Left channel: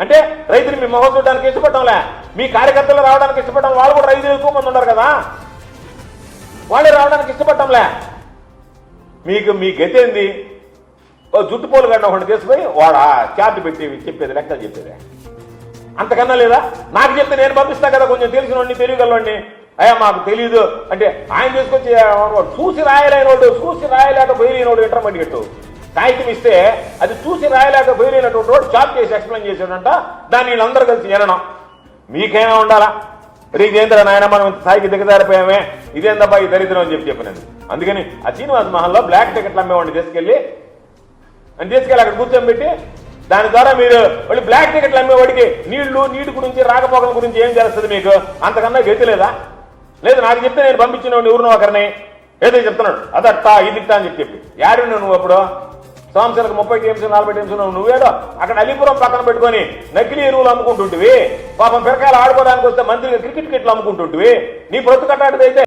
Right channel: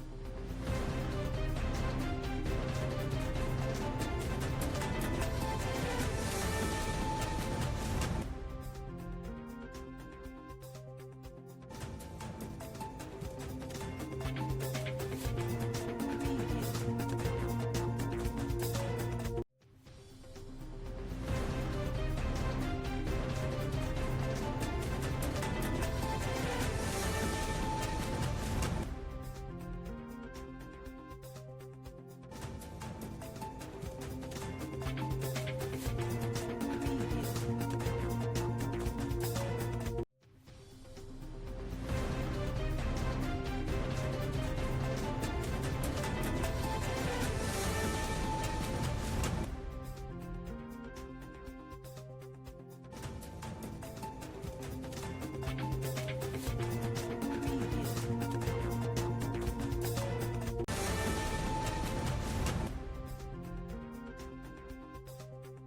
అంటే రైతులు మీ మొహం చూడడానికి ఇష్టపడటంలే. మీ కార్యకర్తలు రావడానికి ఇష్టపడటం వాళ్ళు కూడా రైతులు ఎక్కువ మంది ఉన్నారు కదా. వాళ్ళే రావడానికి ఇష్టపడటంలే. మీకు మీ గతి ఏంది? ఓ జుట్టు పోలు గడ్డ ఒకటి తీసుకుపోయి వాడు చార్ట్ పెట్టి చెప్పేది లెక్కలు చెప్పేది. అంతకన్నా లేదా? నాకు చెప్తే నేను పంపిస్తా కదా కొంచెం తెలిసిన వాడిని తెలియగలవాడిని అయ్యా మాకు తెలియదు అంటే ఆయన తీసుకొచ్చి వాడు చూసి రాయలేనోడు చూసి రాయలేక బయలునోడు ఇంటర్మీడియట్ గట్టు కాగితం ఇస్తే అది చూసి రాయలేక బయలునటువంటి వాడు చాప్ చేసి ఎక్స్ప్లెయిన్ చేశాడంట. దాన్ని వీళ్ళందరూ కలిసి వినడం. మీకేమైనా ఉండాలా? రీజేంద్ర నాయన మనం స్థాయికి దిగజారిపోయామే. ఇదేందబ్బా ఈ దరిద్రం అని చెప్పి చెప్పినాను అందుకని ఆ శ్రీనివాస్ మహల్లో బ్లాక్ టికెట్లు అమ్మేవాడిని తీసుకెళ్ళి అని తీసుకెళ్ళి అక్కడ కూర్చోబెట్టి దాని ద్వారా మీరు మళ్ళీ బ్లాక్ టికెట్లు అమ్మేవాడికి నీళ్ళు నీటి గురించి రాకపోకల గురించి ఏం తెలుస్తుంది మీకు? అంతకన్నా గతి లేదా? లేదు నాకు చెప్తే నేను పంపించిన ఎవరినో ఒకరిని ఏదో చెప్తున్నాడు. అదట్టా ఇదిట్టా అని చెప్పి చెప్పి. యాడు నువ్వు అప్పుడు? సంవత్సరానికి ముప్పై టీమ్స్ నలభై టీమ్స్ నువ్వేదో అక్కడ అలీపురం పక్కన పెట్టుకొని నకిలీ ఎరువులు అమ్ముకుంటుంటివి. పాపం పిరకాయలు ఆడుకోవడానికి వస్తే మంత్రిగా క్రికెట్ కిట్లు అమ్ముకుంటుంటివి. నీ బ్రతుకట్టాటిదైతే